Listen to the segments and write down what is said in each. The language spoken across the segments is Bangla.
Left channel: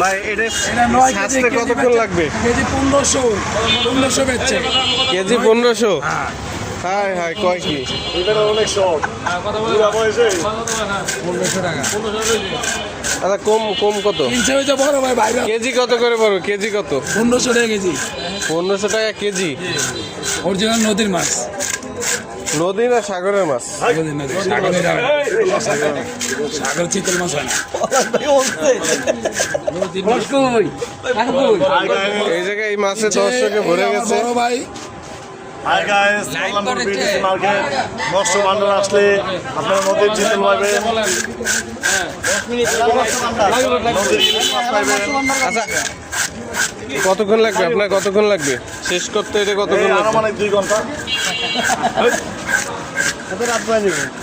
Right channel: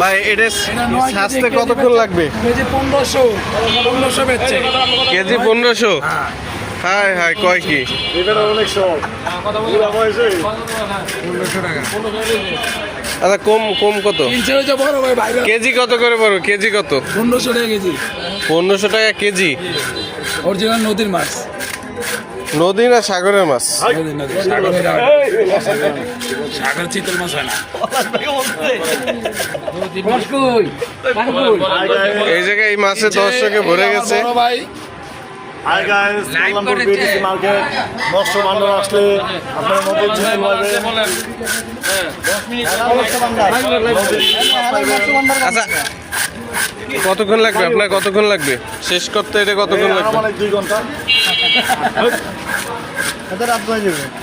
ভাই এটা সাজতে কতক্ষণ লাগবে? কেজি 1500 বেচছে। কেজি 1500? হায় হায়, কয় কি? আচ্ছা, কম কম কত? কেজি কত করে বড়? কেজি কত? 1500 টাকা কেজি। 1500 টাকা কেজি? অরিজিনাল নদীর মাছ। নদী না সাগরের মাছ? সাগর চিতল মাছ হয় না। এই জায়গায় এই মাছের দর্শকে ভরে গেছে। ভাই মৎস্য ভান্ডার আসলে আপনার নদীর চিতল পাইবেন, আচ্ছা, কতক্ষণ লাগবে আপনার? কতক্ষণ লাগবে শেষ করতে? এটা কতক্ষণ লাগবে? মানে 2 ঘন্টা।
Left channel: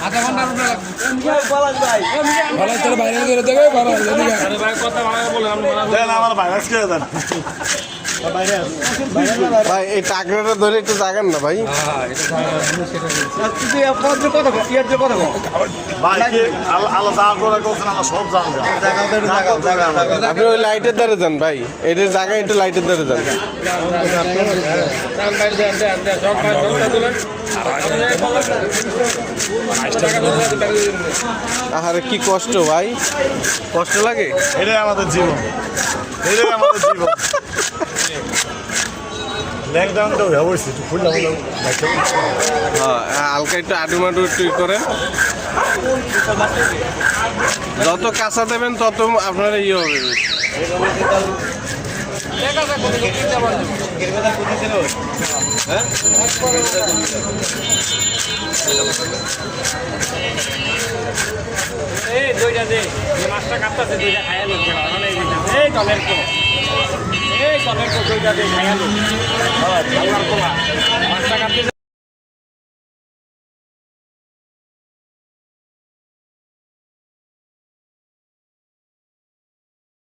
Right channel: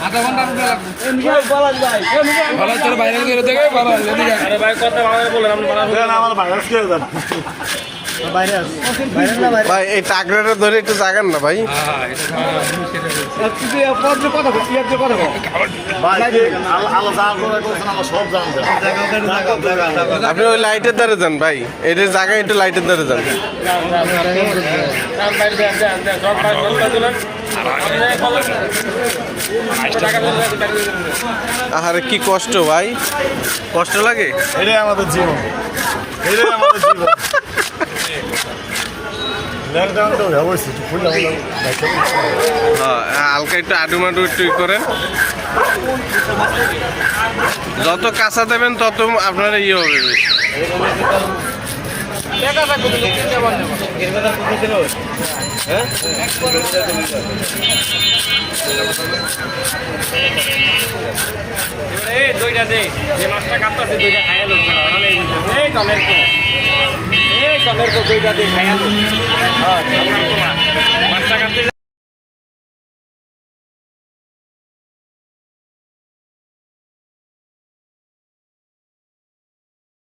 আধা ঘন্টা লাগবে। ভাইরাল করে দেবে। আমার ভাইরাস কে দেন ভাই এই টাকরাটা ধরে একটু জাগান না ভাই। আপনি ওই লাইটের দ্বারে যান ভাই, এটার জায়গায় একটু লাইটের দ্বারে যান। আরে কি কষ্ট ভাই, কষ্ট লাগে। এটাই আমাদের জীবন, এটাই আমাদের জীবন। হ্যাঁ, হালকা একটু আডুমাডু একটু করেন। যত কাঁচা দেবেন তত আপনার ইয়ে হবে বেশি। দুইটা দে, যে মাছটা কাটতেছে দুইটা খাইয়া লোক এই টমেটো দুইটা দিয়ে খাইয়া লোক।